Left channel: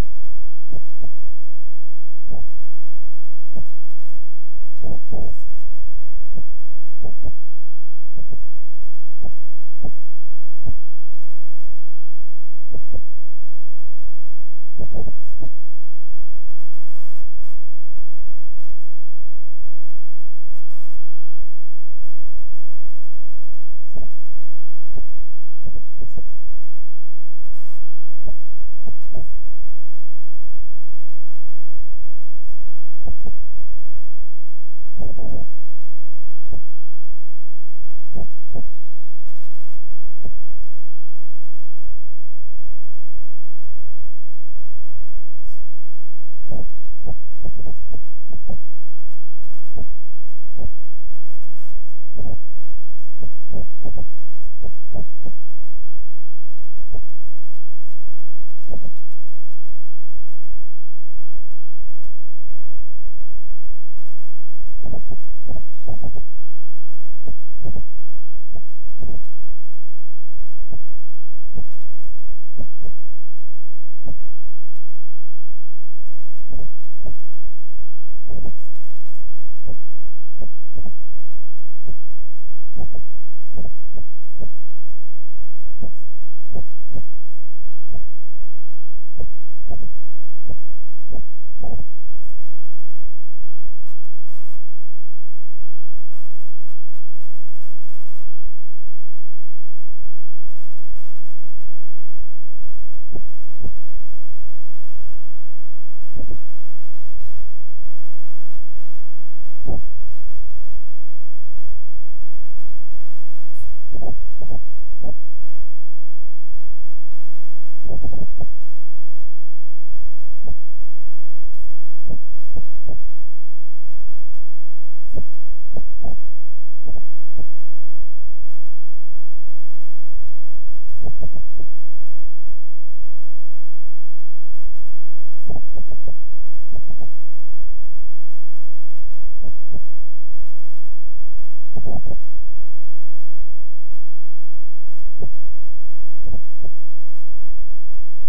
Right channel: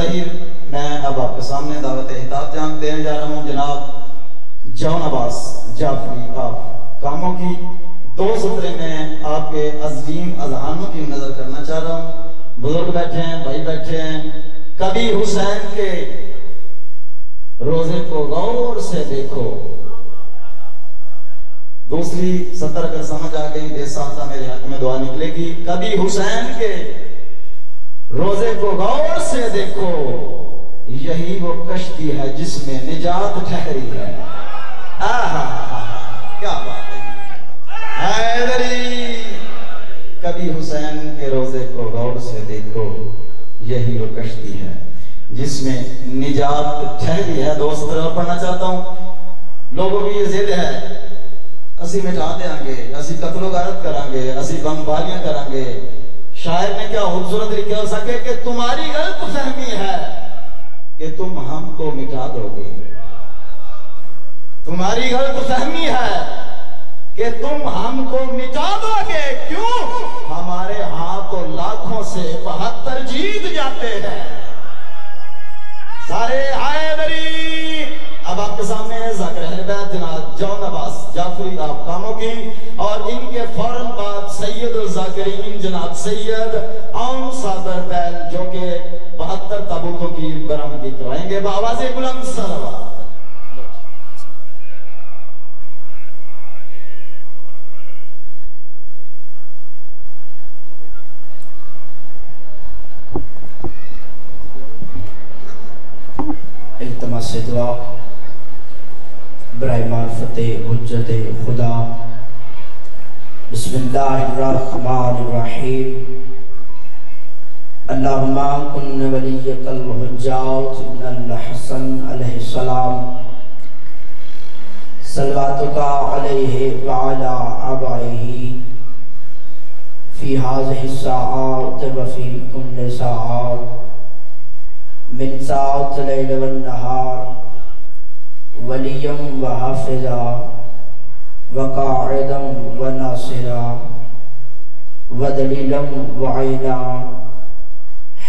طاہر میں اب آپ کے سامنے دعوت خطاب دینے جا رہا ہوں جناب جون عباس جعفری آپ کاموں کی 2 سطرے میں آپ کے عظیم اذہانوں کی نظر کرنا چاہ رہا ہوں. بزرگ بیٹھے ہیں، بھائی بیٹھے ہیں. کبھی حسین کے روزے کو غور سے دیکھو. دوسری سطر اگر سمجھ آ گئی بے ساتھا میرے حق میں دعا نکلے گی. کبھی حسین کے روزے کو غور سے دیکھو، یہی وہ کشتی ہے جس میں نجات ٹھہری ہے. کیا بات ہے حیدری. کبھی حسین کے روزے کو غور سے دیکھو، یہی وہ کشتی ہے جس میں نجات ٹھہری ہے. 2 سطر اور پڑھنا چاہتا ہوں. لوگوں کی یہ ضد ہے اسی مٹا دیں گے، اسی قتل و غارت کریں گے، اسی بمباریاں کریں گے. شاعر نے کیا خوبصورت لکھا ہو سکے کہ تمہاری غلط فہمی ہے کہ تم ہم کو مٹا دو گے. تمہاری غلط فہمی ہے کہ تم ہم کو مٹا دو گے. کیوں؟ ہمارے ہاتھوں لاکھوں سے 72 جیت جاتے ہیں. سارے حیدری. اب آپ کے سامنے ذاکر اہل بیت جناب جون عباس جعفری آپ کاموں کی، اور ان کے فوراً بعد سید الذاکرین جناب سید عون صابر بیل جو کہ 72 تابوتوں کی برآمدی کرائیں گے. بآواز بلند صلوات. التماس دعا برائے معرفت حجت خدا. بسم اللہ الرحمن الرحیم. اللہم کن ولیک الحجات ابن الحسن علیہ السلام صلواتک علیہ وعلا آبائہ فی ہذہ الساعات وفی کل ساعات من ساعت لیل والنہار ولیم و حافظا وقاعدا و ناصرا ودلیلا و عینا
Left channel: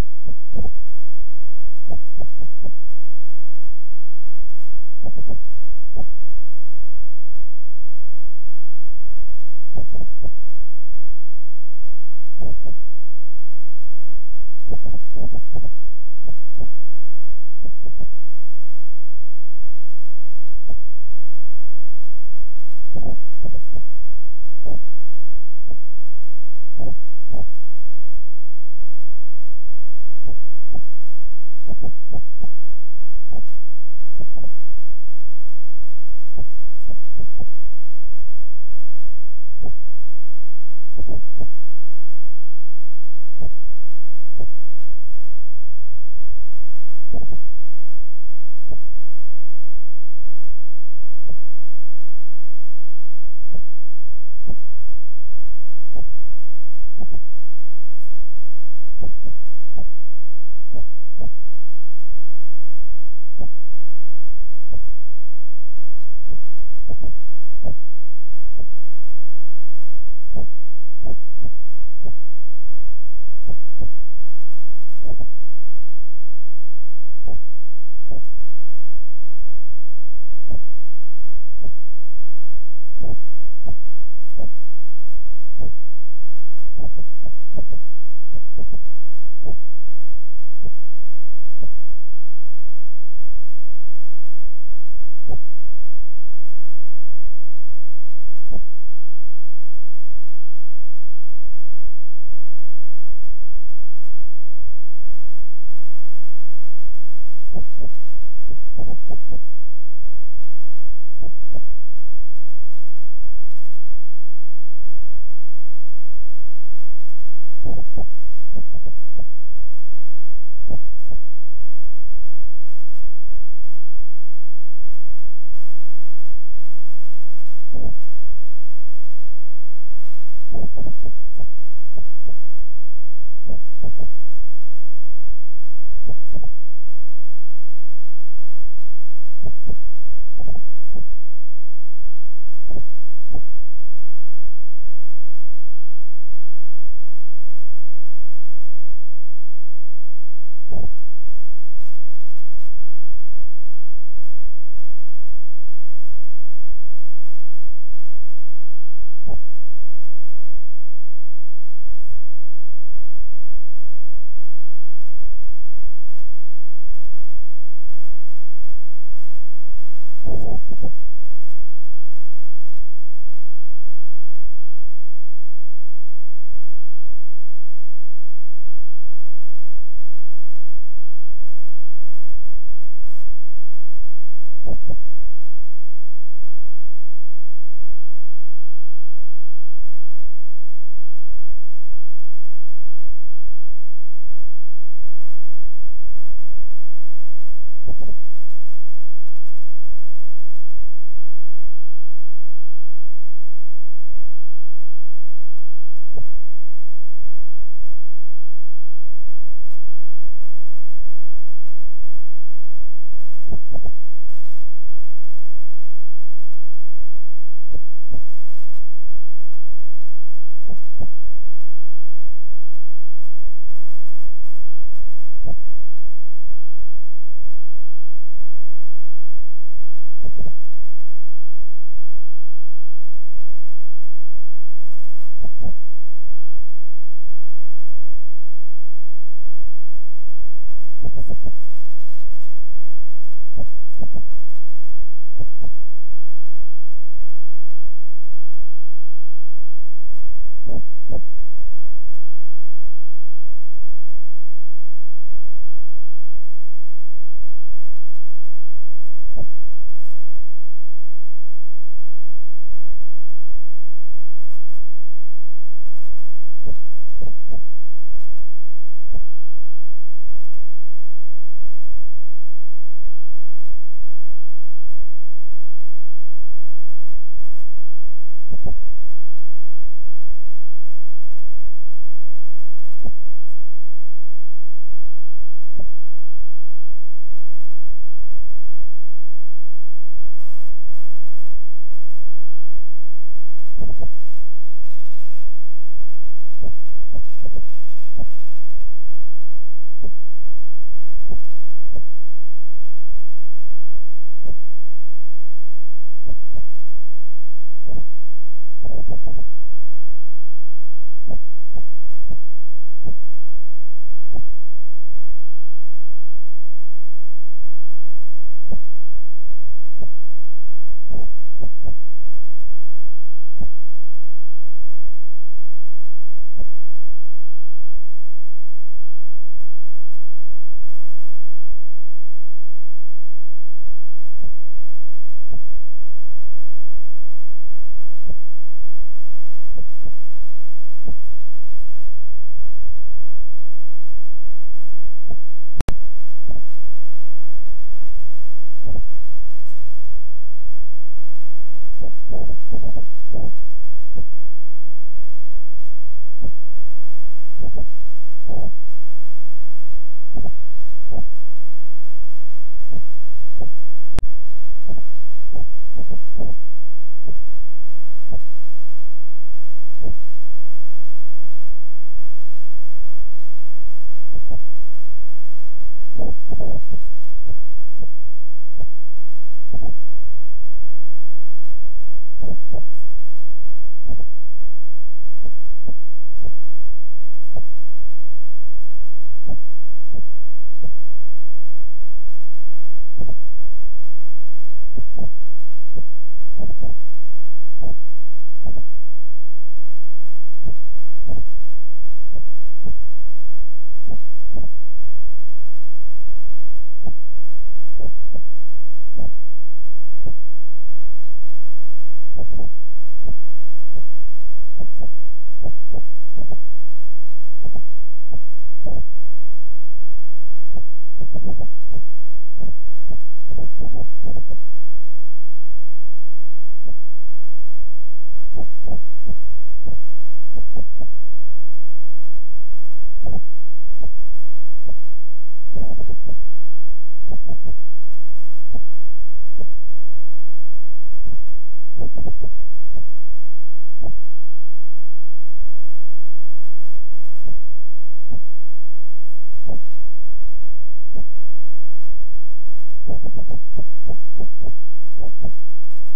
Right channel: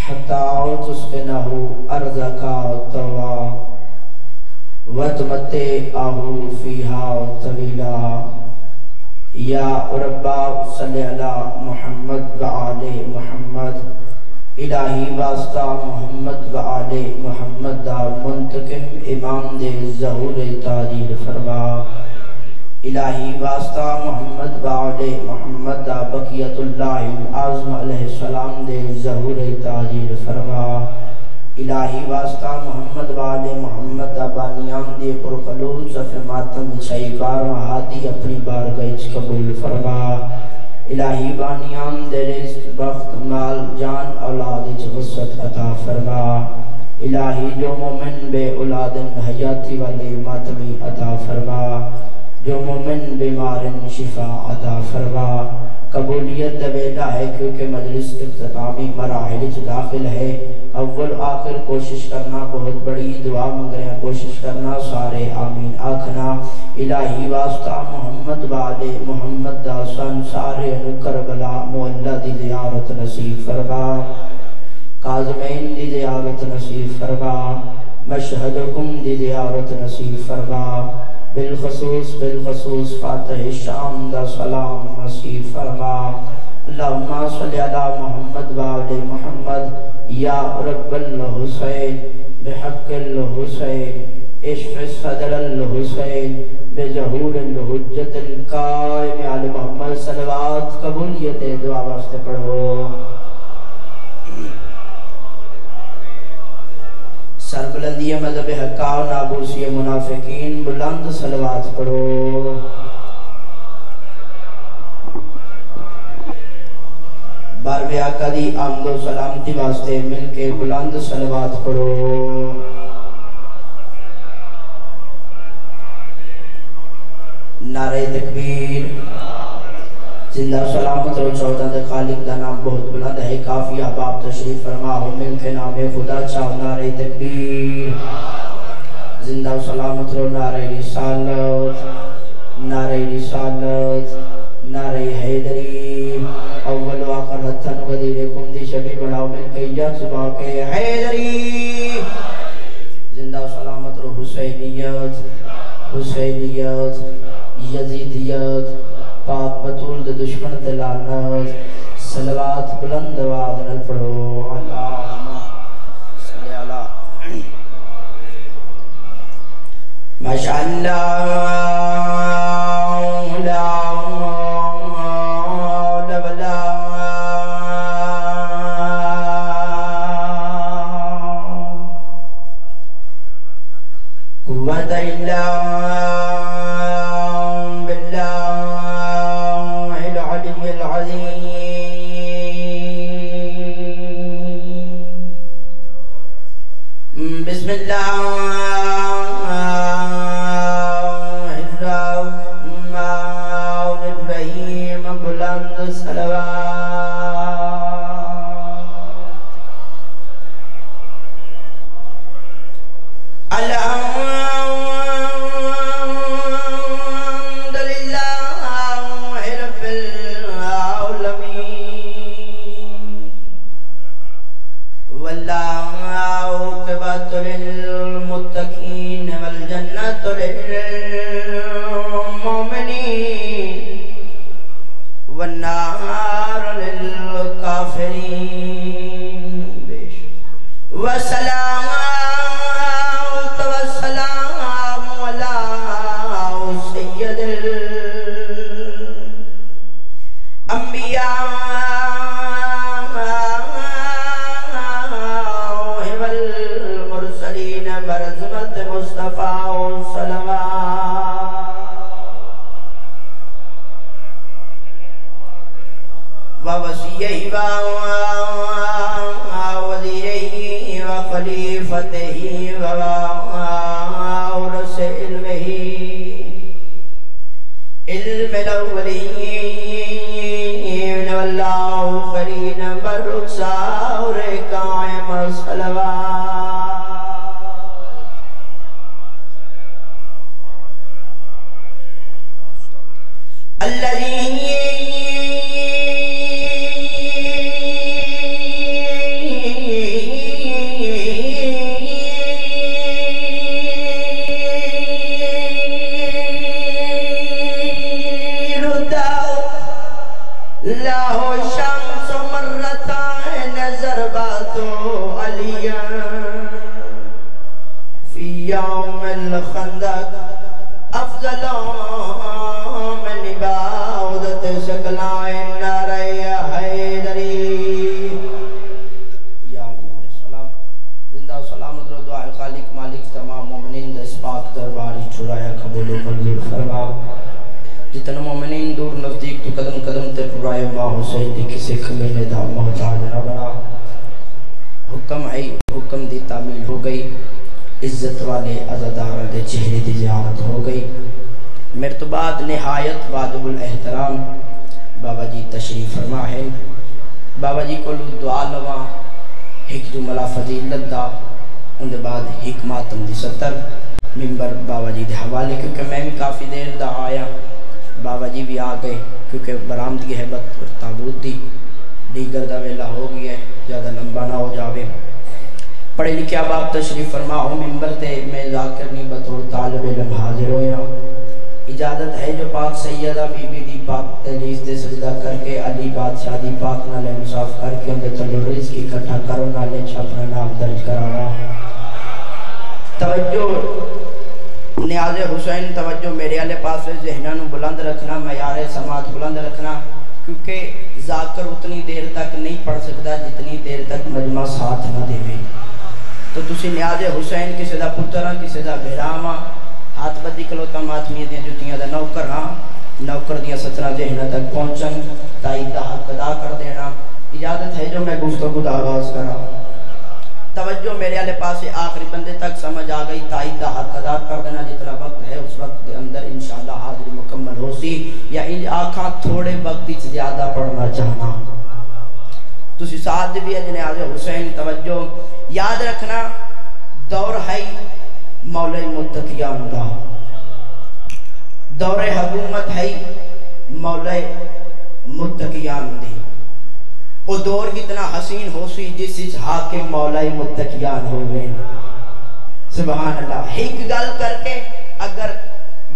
حتی تسکنہ ارضکا طوا وتمتعہ فیہا طویلا. یا ربا صلی علی محمد و آل محمد. الہی واسطہ محمد و آل محمد دا منتقم امام دے ظہور تعجیل فرما. الہی واسطہ محمد و آل محمد دا بقیت اللہ العظم علیہ السلام دے ظہور تعجیل فرما. الہی واسطہ محمد و آل محمد دا بانیان دے پرخلوص صف ماتم چھائی بارواں ہادی اپنی بارگاہ قبول فرما. الہی بانیان دے رزق بخت مال جان اولاد وسعت عطا فرما. الہی جو مومن بے اولاد حیاتی والے ماتمی عطا فرما. جو مومن بیمارن شفا عطا فرما. قبولیت دویدہ ہے کیونکہ مجلس اختتامی مراحل داخل ہے. اول آخر کوشش کرنا، بہت بڑی دعا مانگ رہے ہیں، کوشش کرنا. سارے آمین آکھنا. الہی واسطہ محمد و آل محمد دا سن سارے کربلا معلہ دی زیارت نصیب فرما. کاظمین دی زیارت نصیب فرما. مشہدکم دی زیارت نصیب فرما. بالخصوص فاتح شام دا سلام نصیب فرما. اللہم صلی علی محمد و آل محمد. یا رب الحسین بحق الحسین اشف صدر الحسین بظہور الحجت القائم علی محمد. صلوات قبولیت دعا واسطے پڑھو. سربلندی مذہب حقا و نابوسی منافقین بلند صلوات پڑھو. بارب آقا دی آمد و سلامتی واسطے مل کے بلند صلوات پڑھو. نعرہ تکبیر. زندہ سلامت رو چودہ دے خالق دا نام بہت بلند ہے. کافی احباب تشریف فرما ہو مل کے نام خدا چاہو. نعرہ تکبیر. زندہ سلامت رو نعرہ رسالت، نعرہ رسالت، نعرہ حیدری. اول و آخر حتن غدیر کم دی شبی بڑھاؤ مل کے یک صبح کے حیدری. یزیدیت پاک بطول دے دشمن تے لعنت صلوات بلند آواز نال پڑھو اللہم صلی علی ماشاءاللہ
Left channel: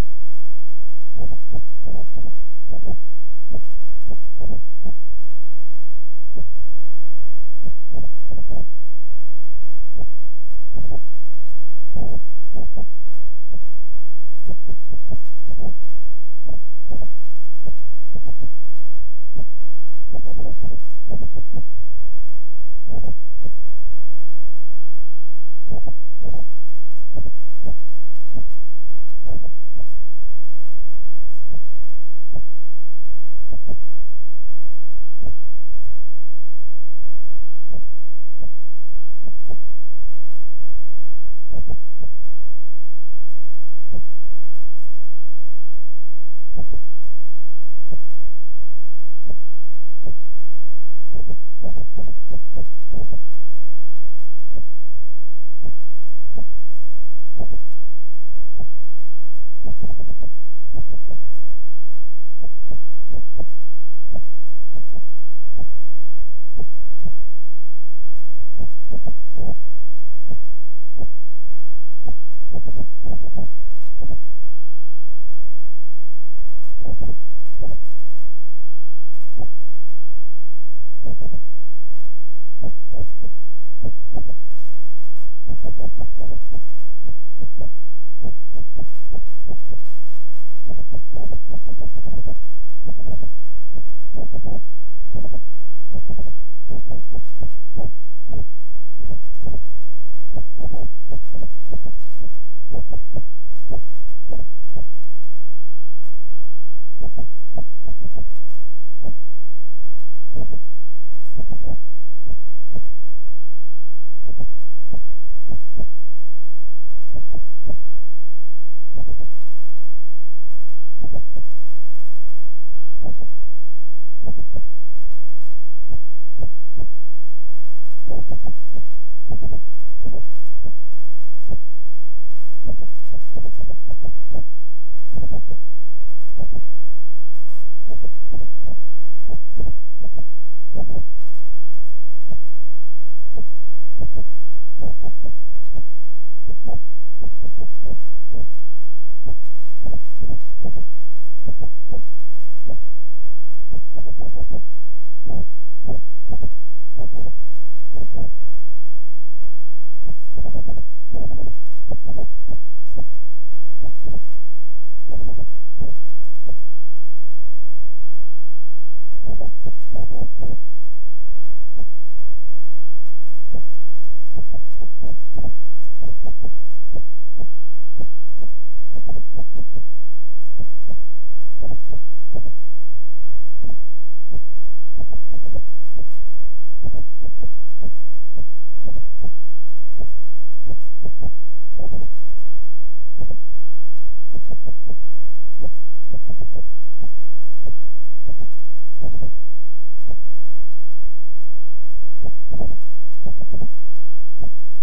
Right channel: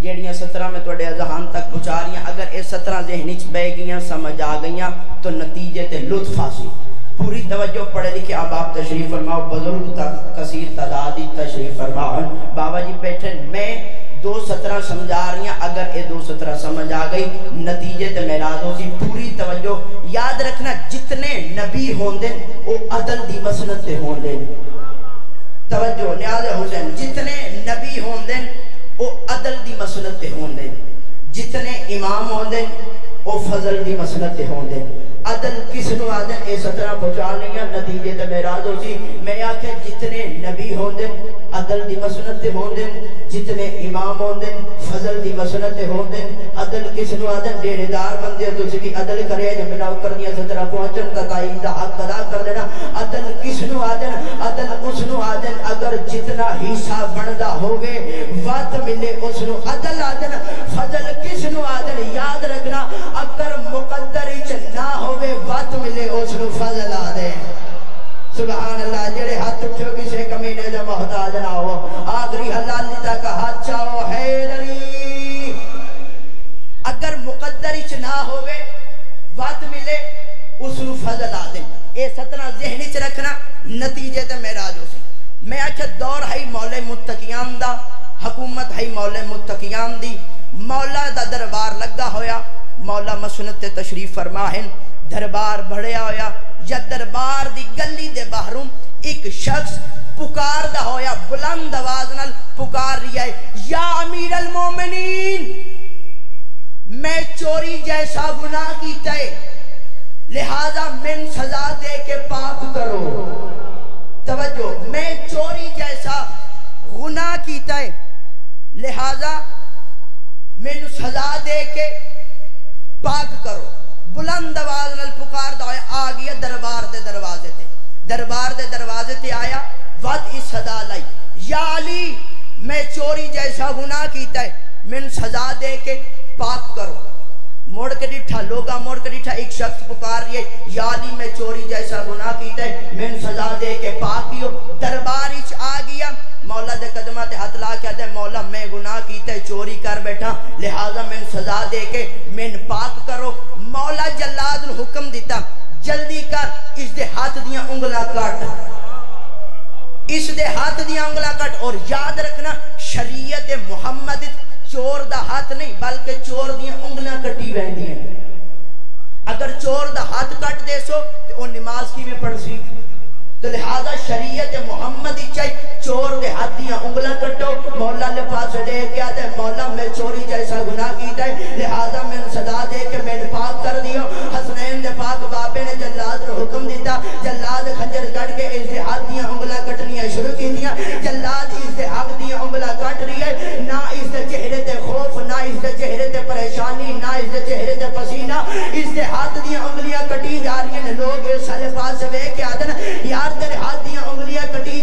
جیڑیاں 17 میں توڑے اذہان تک پہنچا رہی ہیں، اگر یہ 17 ذہنی چ بہ گیاں سمجھ آ گئیاں تو نتیجے تے لطف حاصل۔ پوری توجہ پڑھے لکھے احباب تشریف فرماؤ، بزرگ کثیر تعدادی تشریف فرماؤ۔ بابا جی بیٹھے، میں 2:17 سمجھا رہی ہیں، اگر یہ 2:17 سمجھ آ گئی نتیجے تے معراج ہو سی۔ پوری توجہ یاد رکھنا، جتنے نبی ہوندے وہ عدل دی مسنت تے ہوندے۔ توجہ نیاز حسین، جتنے نبی ہوندے وہ عدل دی مسنت تے ہوندے، جتنے امام ہوندے وہ فضل دی مسنت تے ہوندے۔ عدل کس نو آدن اے 17 پہنچا لیاں نتیجے تے معراج ہو سی۔ میں آکھے جتنے نبی ہوندے عدل دی مسنت تے ہوندے، جتنے امام ہوندے فضل دی مسنت تے ہوندے۔ عدل کس نو آدن ڈیڑے دار بندے تو سی عدل کرے جب نہ کر دیا 17 پہنچن تک آئی دا حق ادا کر دینا۔ عدل کس نو آدن؟ عدل اس نو آدن اگر جتنا حصہ بندا ہوگے وقت ملے اس نو عدل آدن۔ فضل کس نو آدن؟ یاد رکھنا، اگر مقدر چ نہ ہوگے وقت ملے اس نو فضل آدن۔ سبحان اللہ، جڑے ہاتھ اٹھو کسے کمینے دے محتاج نہ ہو، آخری حلالی تک ہاتھ چاہو حیدری۔ اگر مقدر چ نہ ہوگے وقت ملے اس نو فضل آدن۔ اے 17 ذہنی چ رکھنا، نتیجے تے معراج ہو سی۔ میں آکھے دور ہے مولا متقیان دا، حکومت ہے مولا متقیان دی، مولا دا دربار لگا ہویا، مولا مسنت تے تشریف فرما ہیں، دربار بڑھیا ہویا، یا دربار دی گلی دے باہروں ایک شخص پکار دا ہویا، بلند آواز نال پکار رہی ہے، یا امیر المومنین، میں چوری جیسا گناہ کیتا ہے، لہذا من سزا دے کے پاک کرو۔ توجہ، میں چوری جیسا گناہ کیتا ہے، لہذا من سزا دے کے پاک کرو۔ بلند آواز نال پکار دا ہویا، آ گیا دربار دے دروازے تے، دربار دے دروازے تے آیا، وقت اس صدا لائی، یا علی میں چوری جیسا گناہ کیتا ہے، من سزا دے کے پاک کرو۔ موڑ کے ڈٹھا، لوگا موڑ کے ڈٹھا، ایک شخص پکار رہی ہے، یا علی میں چوری جیسا گناہ کیتا ہے، من سزا دے کے پاک کیو۔ دربار اچ آ گیا، مولا دے قدمہ تے ہاتھ لا کے دے، مولا میں گناہ کیتا ہے، چوری کر بیٹھا، لہذا من سزا دے کے من پاک کرو۔ مولا جلاد نے حکم دیتا، جلدی کر، اس دے ہاتھ دیاں انگلا کٹ، اس دے ہاتھ دیاں انگلا کٹ۔ اور یاد رکھنا، شریعت محمد چور دا ہاتھ نہیں بلکہ چور دیاں انگلیاں کٹی ویندی ہیں۔ اگر چور دا ہاتھ کٹ دے سو تو وہ نماز کی میں پڑھ سی، تو لہذا شریعت محمد چاہیے چور دے ہاتھ دیاں انگلیاں کٹو۔ مولا لے پاس دے کے آتے، مولا میں چوری جیسا گناہ کیتا ہے، لہذا میں سزا دے کے میں پاک کر دیو۔ حسنین دے پاک بابے نے جلاد نے حکم دیتا، جلاد خنجر کٹ کے اس دے ہاتھ دیاں انگلیاں کٹنیاں شروع کی دیا۔ جلاد اس دے ہاتھ دیاں انگلیاں کٹ رہی ہے، نہ اس دے چہرے تے خوف، نہ اس دے چہرے تے پریشانی، نہ اس دے چہرے تے پسینہ، اس دے ہاتھ دیاں انگلیاں کٹی جا رہی ہیں۔ لوگ سارے پاس وے کے آدن، یار تیرے ہاتھ دیاں انگلیاں کٹی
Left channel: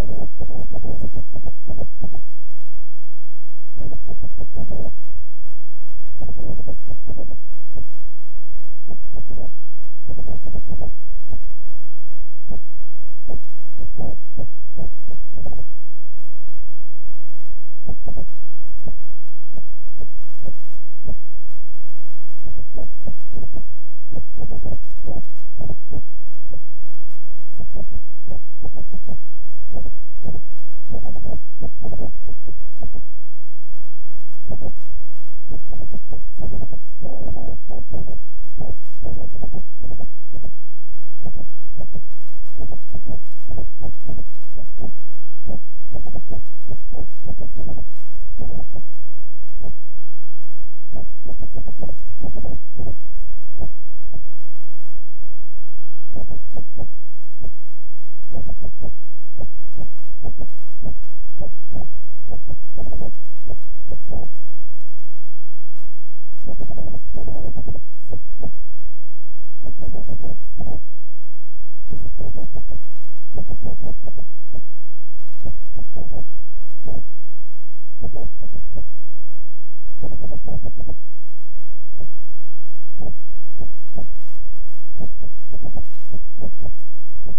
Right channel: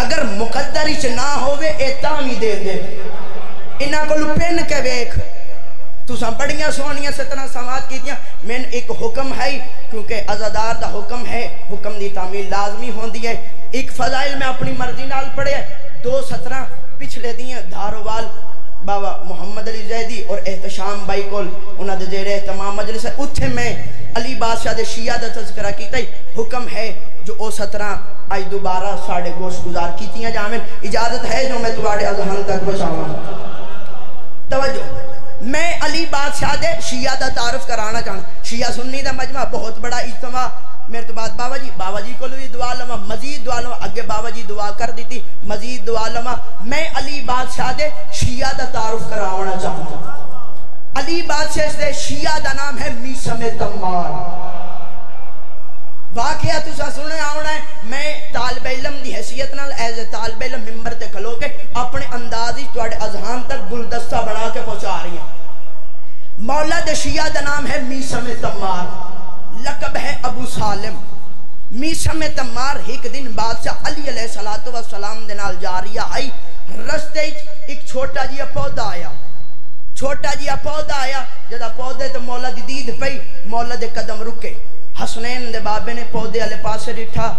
اگر مقدر چ نہ ہوئے اے تاوی دے دے انہاں کو پن کے ویکھ تساں بڑیاں سونیاں سترہ سماعت کیتیاں من ایک حکم ہے کیونکہ عزادار دا حکم ہے حکم دی تعمیل لازمی ہوندی ہے ایک فضائل میں اپنی مرضی نال پڑھے 2:17 پچھلے دیاں دھاروال بابا محمد علی زیدی اور احتشام بائی کول انہاں دے زیر اہتمام مجلس ہے اتھے میں علی بادشاہ دے شیعہ دا تذکرہ کیتا ہی حکم ہے جو او 17 آج دوبارہ ساڑھے گوشت گزار کیتیاں جامن اجازت ہے جو میں تمہارے اذہان تک بچاؤں توجہ میں علی بادشاہ دے شیعہ دا تعارف کرانا چاہوں شیعہ سنی دا مجمع بہت بڑا اجتماع میرے تو بعد بابا جی کو بھی دعا لما مزید دعا لما اگے بابا جی دعا کر دیتی مزید دعا لما میں علی بادشاہ دے شیعہ دا تعارف کرانا چاہوں علی بادشاہ دے شیعہ دا نام ہے میسم تمار واقعہ تو سا سنے آونا ہے میں طالب علم دی حیثیت نال ایز طالب علم ممبر تے کھلو کے اپنے اندازی توڑے اذہان تک گلدستہ بنا کے پہنچا رہی ہیں مولا دے شیعہ دا نام ہے میسم تمار لقب ہے ابو سالم میسم تمار ایک دن بادشاہ علی علیہ السلام دے نال جاریہ آئی رستے ایک چھوٹا جیا پودا آیا جدا پودے تے مولا دی دید پئی مولا دے قدم رکے حسنین دے بابے نے پودے والے پاسے ڈٹھا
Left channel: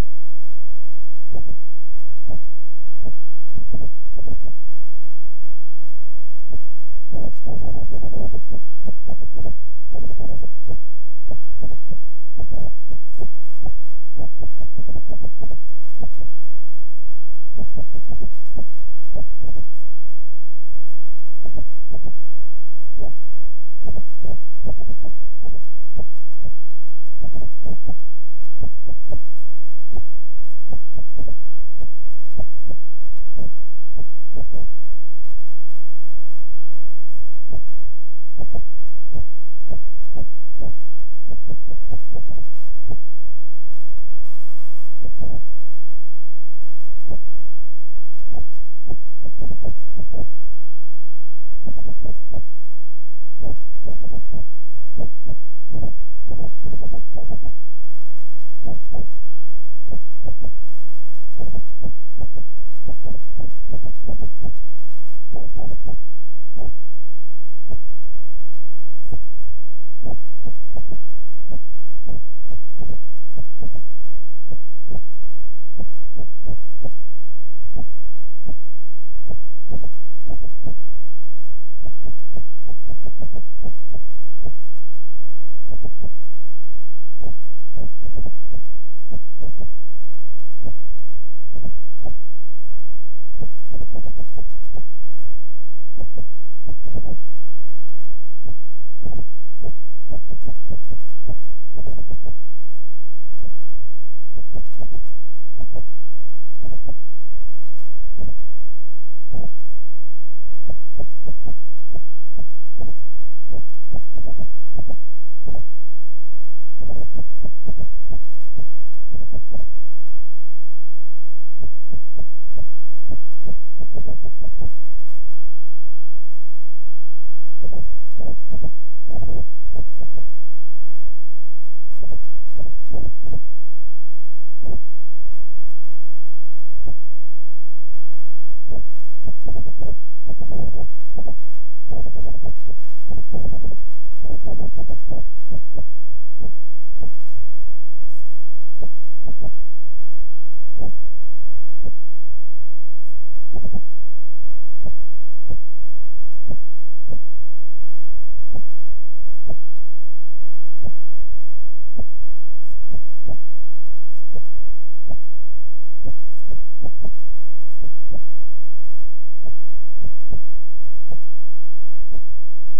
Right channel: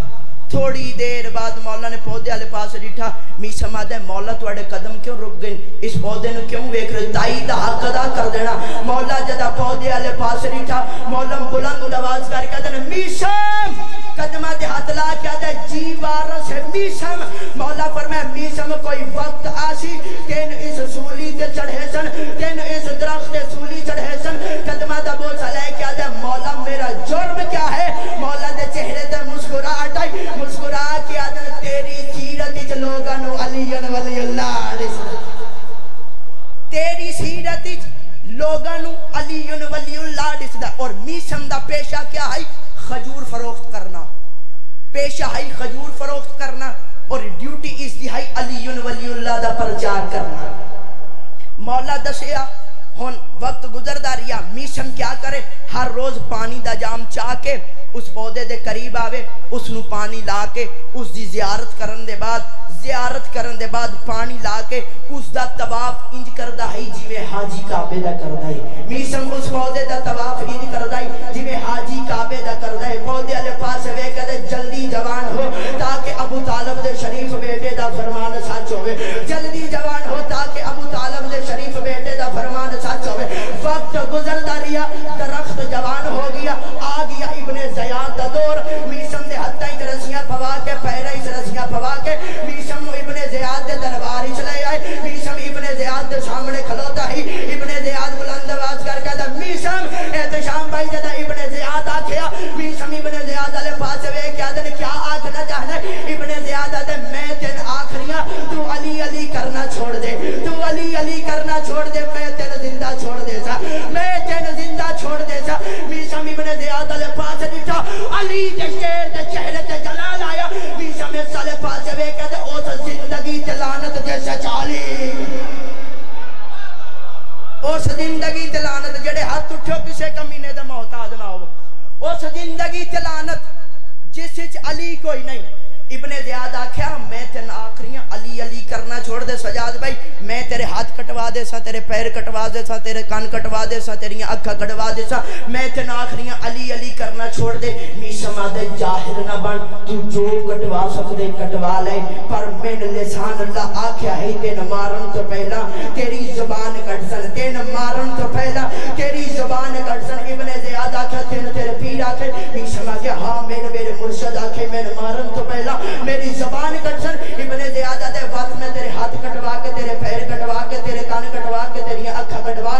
تھوڑی دیر بعد مولا نے پودے والے پاسے ڈٹھا میسم آدھے مولا تواڈے قدم کیوں رک گئے اس پودے نے کیوں ویکھ رہے تائی دا حق ادا کر دینا مولا جدا پودے والے پاسے ڈٹھا مولا بلند آواز کر کے کہتے میسم قدمہ دے ہاتھ لا کے آدھے جی وارث ہے میسم مولا فرمایا میسم کوئی وقت آسی تین اس سولی تے چڑھے سن تین اس درخت سولی چڑھے سن قدمہ دا بوجھ لے کے آدھے مولا میرا جرم کیا ہے مولا دے چہرے تے مسکراہٹ آئی مسکرا کے آدھے تیری سیرت وچ لوگاں نو علی ولی اللہ تیری سیرت وچ لوگاں نو علی ولی اللہ دسدا اور میسم دا پیشہ کیا ہے خجور فروخت کرنا پیشہ ہے خجور فروخت کرنا اور ڈیوٹی اس دی ہے علی ولی اللہ دا پرچار کرنا مولا دسیا ہن وقت گزردا رہیا میسم کیا کرے ہر روز پانی دا جام چاہ کے اس پودے دے قریب آوے اس نو پانی لا کے اس دی زیارت کرن دے بعد پانی لا کے اس دا طواف انج کردا ہے جویں حاجی کعبے دا کردا ہے میسم اس پودے دا طواف انج کردا ہے جویں حاجی کعبے دا کردا ہے پودے والے پاس وے کدے جلدی جوان ہو تاکہ ابو طالب دے شریف بیٹے دا فرمان سچ ہوے جلدی جوان ہو تاکہ ابو طالب دے شریف بیٹے دا فرمان سچ ہوے وقت گزردا رہیا درخت جوان ہو گیا آ گیا ابن زیاد دا دور میسم دے ہتھاں وچ رسیاں پوا کے پیراں وچ رسیاں پوا کے میسم نو ابن زیاد دے دربار وچ لے آئے میسم ابن زیاد دے سامنے کھلوتا ہی ابن زیاد بلند آواز کر کے میسم احتشام بھائی جدا ابن زیاد آکھیا میسم ابن زیاد والے پاس وے کیا دن کیا آکھنا چاہنا ابن زیاد آدھے میں تین آخریاں تو علی علی کرنا چھوڑ دے تو علی علی کرنا چھوڑ دے میں تین زندہ چھوڑ دے سا میں تین زندہ چھوڑ دے سا میسم ابن زیاد والے پاس دیتا علی دے شیر دے چہرے تے جلال آیا میسم اس والے پاس وے کہتے اس زندگی تے لعنت دے سچالی اس زندگی تے لعنت جڑے ہاتھ اٹھو کسے کمینے دے محتاج نہ ہو اس زندگی تے لعنت جس وچ علی کوئی نہیں ابن زیاد آکھیا میں تین آخریاں علی علی کرنا چھوڑ دے سجاد بھائی میں تیرے ہاتھ کٹوا دے سا تیرے پیر کٹوا دے سا تیرے کان کٹوا دے سا تیری اکھا کٹوا دے سا میں تین آخریاں علی علی کرنا چھوڑ دے میسم آدھے جاہل نہ بن تو جو کٹوا سکدے کٹوا لے پر من لسان اللہ آکھیا ہے تین مارن تو پہلا تیری زبان کٹ سن تین مارن تو پہلا تیری زبان کٹ سن ابن زیاد آکھیا تین تیرے پیر آکھے میسم آکھیا ہاں میرے مرشد آکھے میں مارن تو پہلا میری زبان کٹ سن ابن زیاد آدھے وقت میں تیرے ہاتھ کٹوا کے تیرے پیر کٹوا کے تیرے کان کٹوا کے تیری اکھا کٹوا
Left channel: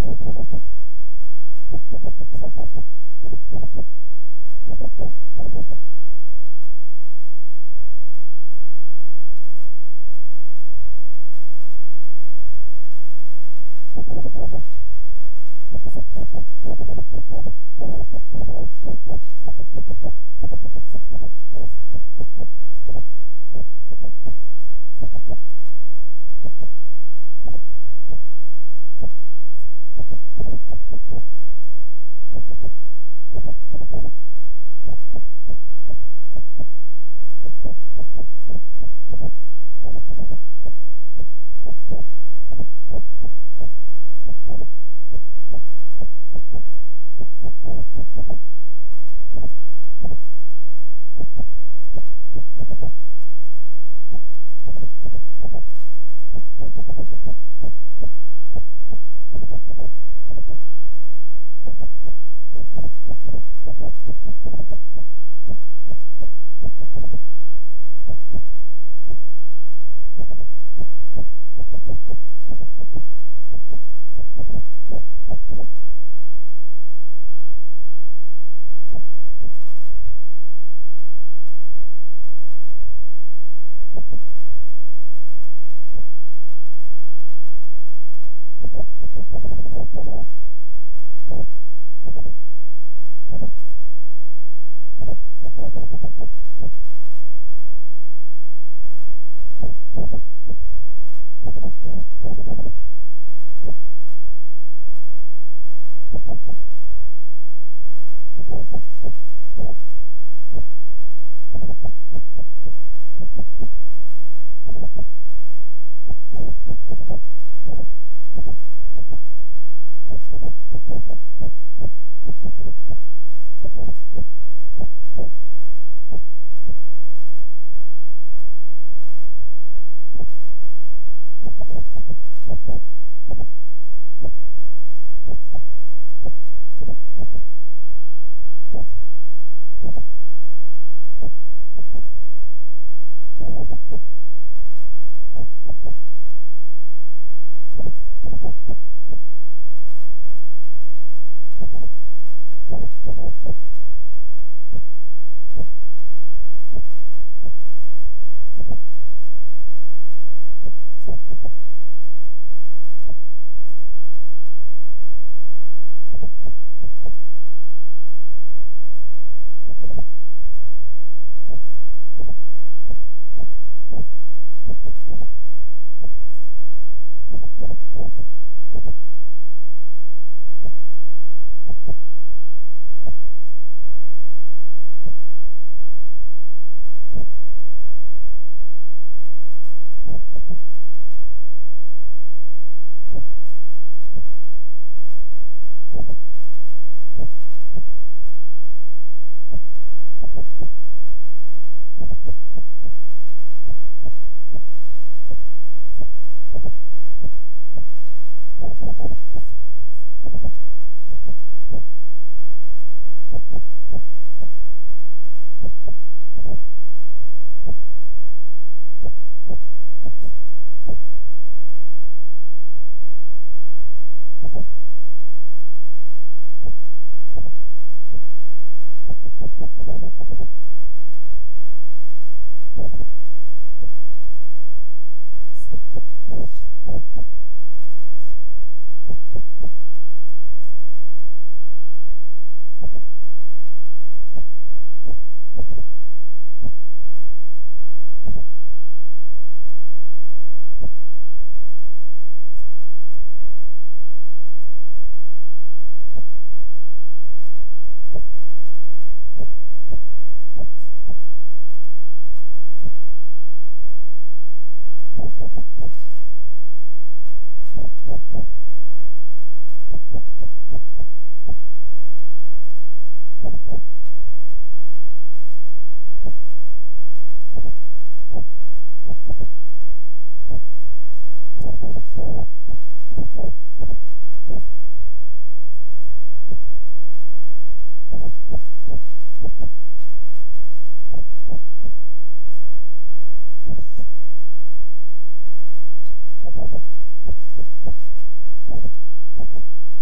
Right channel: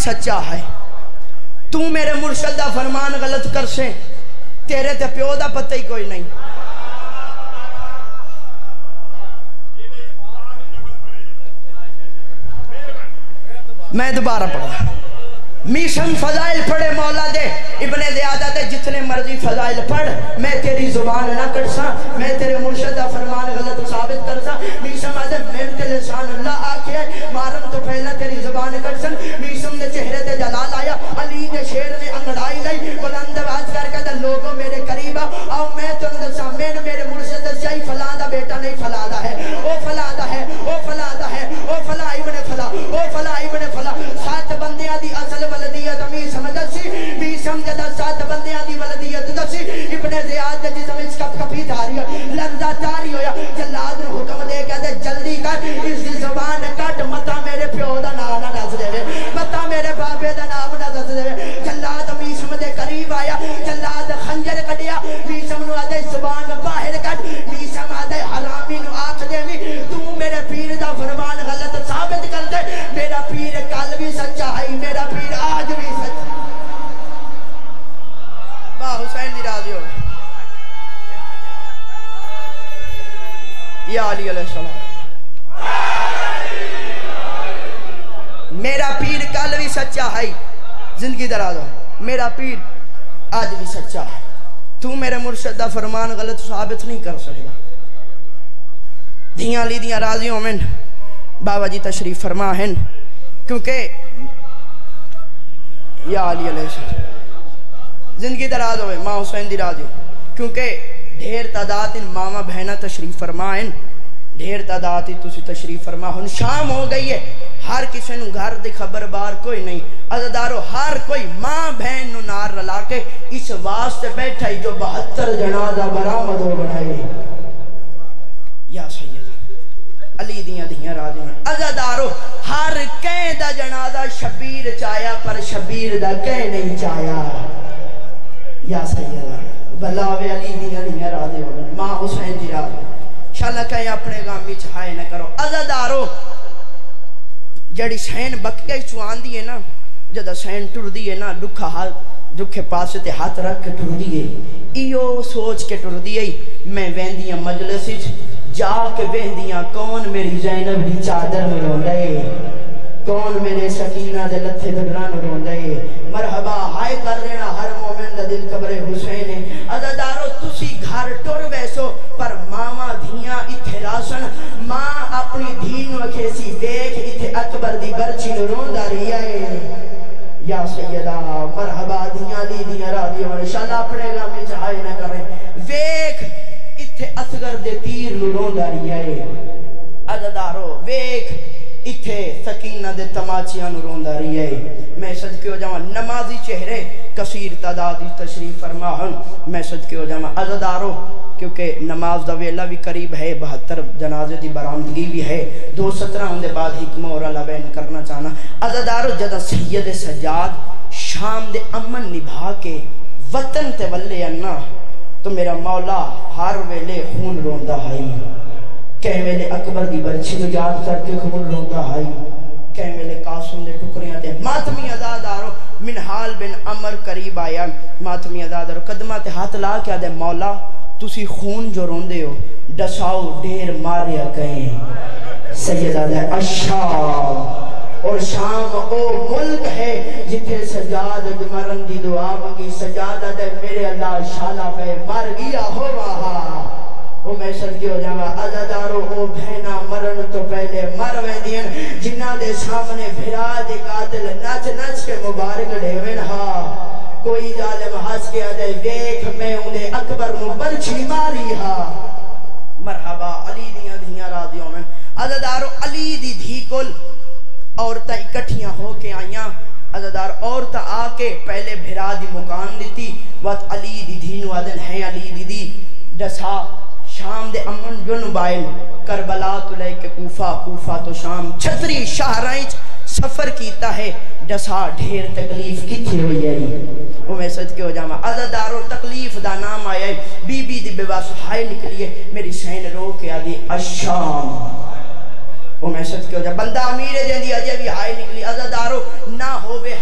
سچا ہے تو میرے مرشد دا فرمان غلط کر سے تیرے تے پیو دا پتہ ہی کوئی نہیں میں دوبارہ پڑھا میشن فضائل پڑھے مولا دے ابن زیادہ دے جتنے مرضی فضائل پڑھ میں تیری زبان نہ کرسا میں تیرے مرشد دا فرمان غلط ثابت کرسا میشن آدھے میں تے لسان اللہ آکے مارم تو پہلا تیری زبان کرسن میشن دے چہرے تے جلال آیا علی دے شیر نے انگڑائی لئی بلند آواز کر کے لوگوں میرے قریبا آؤ میں تو دسا میں میرے مرشد دسیا فلاں دا بیٹا نہیں فلاں دا ہے او فلاں دا ہے او فلاں دا ہے او فلاں ابن فلاں او فلاں ابن فلاں سات بندیاں دی اصل ولدیت امی سمجھسی بھی سمجھدا سات بندیاں دی ولدیت دسی ابن زیاد دے جسم اس کپ کپی تاری لرزہ تاری ہویا جلاد نے حکم دے کے دے جلدی کر اس دی زبان کٹ متا میرے پیو دا نام نہ دس دے متا میرے بابے دا نام نہ دس دے جلاد امی سم دے قریب آیا جلاد خنجر کڈیا بھی سم نو آدے زبان باہر کٹ بھی سم آدے حرامی نو آکھ دے وی تو میرے پیر دا فرمان غلط ثابت کر دے میرا پیر کل بھی سچا ہے میرا پیر آج بھی سچا واہ حسین دی راضی ہو یا علی علیہ السلام میرا پیر کل بھی سچا ہے زندگی دراز ہو میرا پیر آج بھی سچا ہے تو میرے مرشد دا فرمان غلط ثابت نہیں کر سکتا دھیاں لی دیاں راضی ہوں میں بابا جی تشریف فرما ہیں کیونکہ یا علی علیہ السلام زندگی دراز ہوئے ماں حسین دی راضی کیونکہ ڈھیر تعداد ان ماما بہنہ تشریف فرما ہیں ڈھیر تعداد ہی تسی تشریف فرما ہن شام ہو گئی ہے ہر کسی نو گھر دی خبر بار کوئی نہیں عزدارو ہر کوئی ماں بہن نو نار رلا کے اس واسطے بیٹھا ہی جو 72 جنازہ برآمد ہو بڑھائے یا سیدہ علی دیاں راضی ہیں عزدارو ہر کہیں دا جنازہ شبیر چایا پر شبیر دا کہیں نہیں چایا یا سیدہ بلاوے علی دیاں راضی ہو ماں حسین دی راضی شاءاللہ کہیں اپنے گامی چاہائے نہ کرو عزدارو جڑی سین بکے چوان دیئے نا جدہ سین ٹر دیئے نا دکھا ہاتھ دکھے پاسے تے ہاتھ رکھ کے ٹر دیئے ایو سوچ کے ٹر دیئے میں ویندیاں مجلسی جا کے ویندیاں کون میری زینب دی چادر میں رون رہے کون میرے سکینہ دے لتھے دگران رون رہے مرحبا ہائے کر دینا ہر مومن دا دل قبر حسین عزدارو تسی گھر ٹر بیسو پر ماما دھیاں اتھے راسن ماں اپنی دھین وکھیسی دیکھ اتھے اکبر دی برچی نرون داری آئے یا سیدہ مرحبا دھیاں لی دھیاں را دیوں انشاءاللہ اپنے گاہ میں چاہائے نہ کریں ویکھ اتھے اصغر دے تیر نرون داری آئے عزدارو ویکھ اتھے سکینہ دے تماچیاں نرون داری آئے میں صدقے ہو جاؤں نمازی چہرے کثیر تعدادی تشریف فرما ہن میں صدقے ہو جاؤں عزدارو کیونکہ نماز دا ویلہ بھی قریب ہے 72 جنازے دی برآمدگی بھی ہے 2:17 ہوندے بعد حکمہ اور اللہ بین کرنا چاہنا عزدارو جدہ سید سجاد شام دے امن نبھا کے وطن تے ولے انا تو میرا مولا ہر ویلے خون روندہ ہائی کہیں ویلے اکبر دی برچی نو یاد کر کے خون روندہ ہائی کہیں ویلے قاسم دے ٹکریاں دے ماتمی عزادارو منحال بن عمر قریب آیا ماتمی عزادارو قدمہ تے ہاتھ لا کیا دے مولا تسی خون جو روندے ہو ڈساؤ ڈیر ماریا کہیں سیدہ دے اشام اور شام او ملک ہے جتھے سجاد مرن دی دعا مانگی سجادہ دے میرے اللہ شالہ پہ مر گیا ہو وہاں او میں صدقے ہو جاؤں عزدارو او بہنا مرن تو پہلے مر ویندین جنہ دے سامنے بھرا دے قاتل نچ نچ کے مبارک ڈیوین ہاں کوئی ظالم ہس کے آدھے دیکھ میں انہیں اکبر نو برچی ماری ہاں مرحبا علی دیاں راضیوں میں عزدارو علی دی دھی کل عورتہ اکٹھیاں ہو کے آئیاں عزدار عورتہ آ کے پہلے بھرا دی مکان دیتی وقت علی دی دھینو آدھن ہے علی دی ڈسا شام دے امن جن بائن کربلا تو لے کے کوفہ تو شام چھتری شہرائیں سفر کیتا ہے ڈسا ڈھیر تکلیف کتھی ہوئی ہے وہ میں صدقے ہو جاما عزدارو تکلیف دا نام آیا ہے بی بی دی بیواس ہائے نکلی ہے میری سین رو کے آدھی اشام وہ میں صدقے ہو جاما بندہ امیر جن دی اجے بھی ہائے نکلی عزدارو نہ ہووے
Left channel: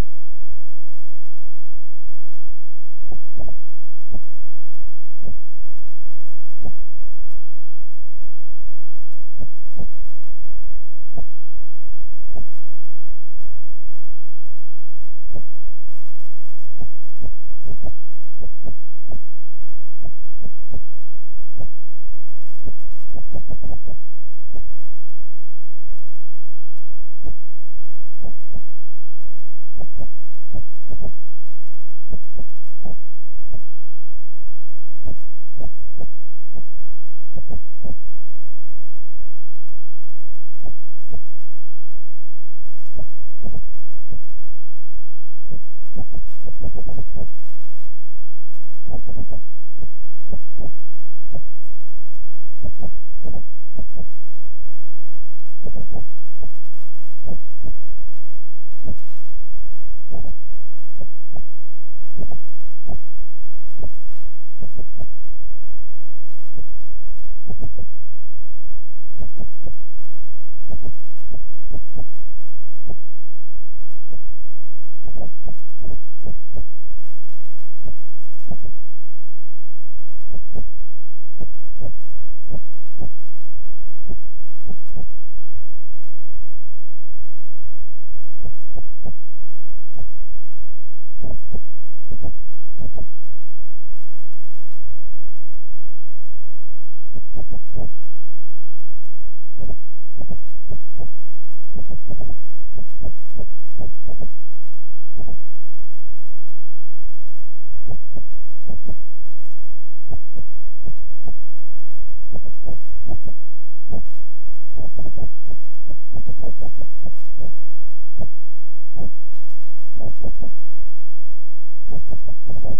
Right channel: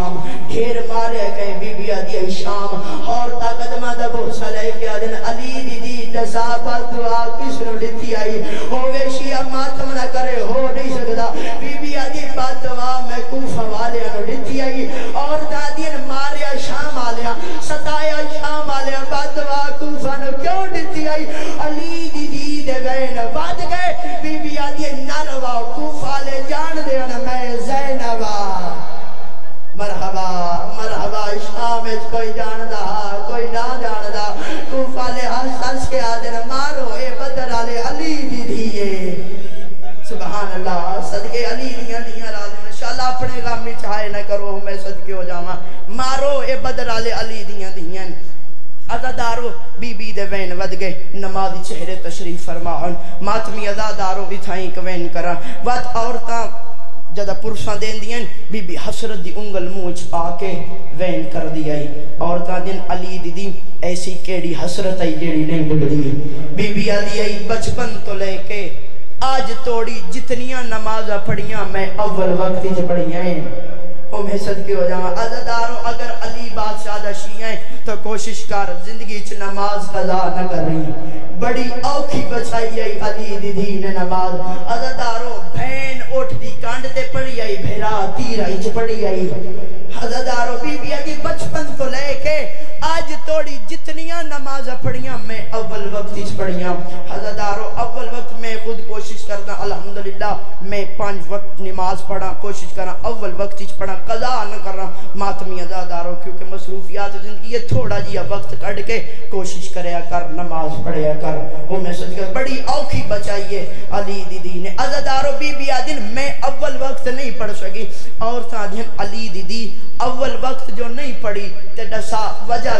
شام ڈھیر مارے کہیں بی بی آدھی شام اور قدمہ دا بہت لے کے آدن علی دی دی دسا پر دعا کس نو لیتی آئی ہوئے شیعہ ماتم نہ کرے ہو نہیں سکتا بی بی آدھی بات دعا میں کوفہ والے نو لیتی آئی اور دادین ماریا شام آلیا ستایا شام آلیا بات دعا کوفہ نو کیوں لیتی آئی علی دی دی دے وین بات گئے بی بی آدھی نروا کوفہ لے جان دے میں زینبا مرحبا مرحبا شام اچ کوئی جان دا کوئی نہ جان دا کوفہ لے ہنس کے آدن مارو اے بدر آلے علی دی دیئے سبحان اللہ صدقے علی دیاں دیاں رازم انشاءاللہ اپنے غامی چاہے نہ کرو میں صدقے ہو جاما مارو اے بدر آلے علی دیاں دیاں عزادارو بی بی دے وین ود گئے نمازی چہرے تشریف فرماؤن ماتمی عزادارو اتھائیں کوین کرا وات عورتاں جدہ پرساں دین دین بی بی حسرت دی انگل موچ آکے وین کر دیائی عورتاں دین علی دی دی ایسی کیڑی حسرت آئی جیڑی نہیں بڑھ دی بی بی آدھی آئی بچپن تو لے کے آج توڑی جتنیاں نمازہ پڑھیاں میں اول وقتی جو پڑھیاں ہیں میں صدقے ہو جاؤں عزاداروں اگر علی بادشاہ دا شیعہ تو کوشش کر زندگی چھ نماز قضا نہ کر رہی بڑی اوکھی بچائی آئی علی دی دین نماز عزاداروں بھین اٹھ دی کانڈ تے پڑھی آئی بھیرا تیر آئی چھ پڑھی آئی عزاداروں بی بی آدھی بچپن تو لے کے آج توڑی جتنیاں نمازہ پڑھیاں میں اول وقت چھ پڑھیاں عزاداروں اول وقت میں خود کوشش کرتا الحمدللہ میں 5 وقت نماز پڑھا کوشش کرا اول وقت چھ پڑھا قضا نہ کر رہا ماتمی عزاداروں کیونکہ مصروفیات زندگی یہ تھوڑا جیا وقت کڑ کے کوشش کریا کر نماز پڑھیا کر وہ میں صدقہ بڑی اوکھی بچائیے علی دی دی نے عزاداروں بی بی آدن میں اول وقت نہیں پڑھ سکی اور سادھن علی دی دی اول وقت جو نہیں پڑھی تے ڈسا وجہ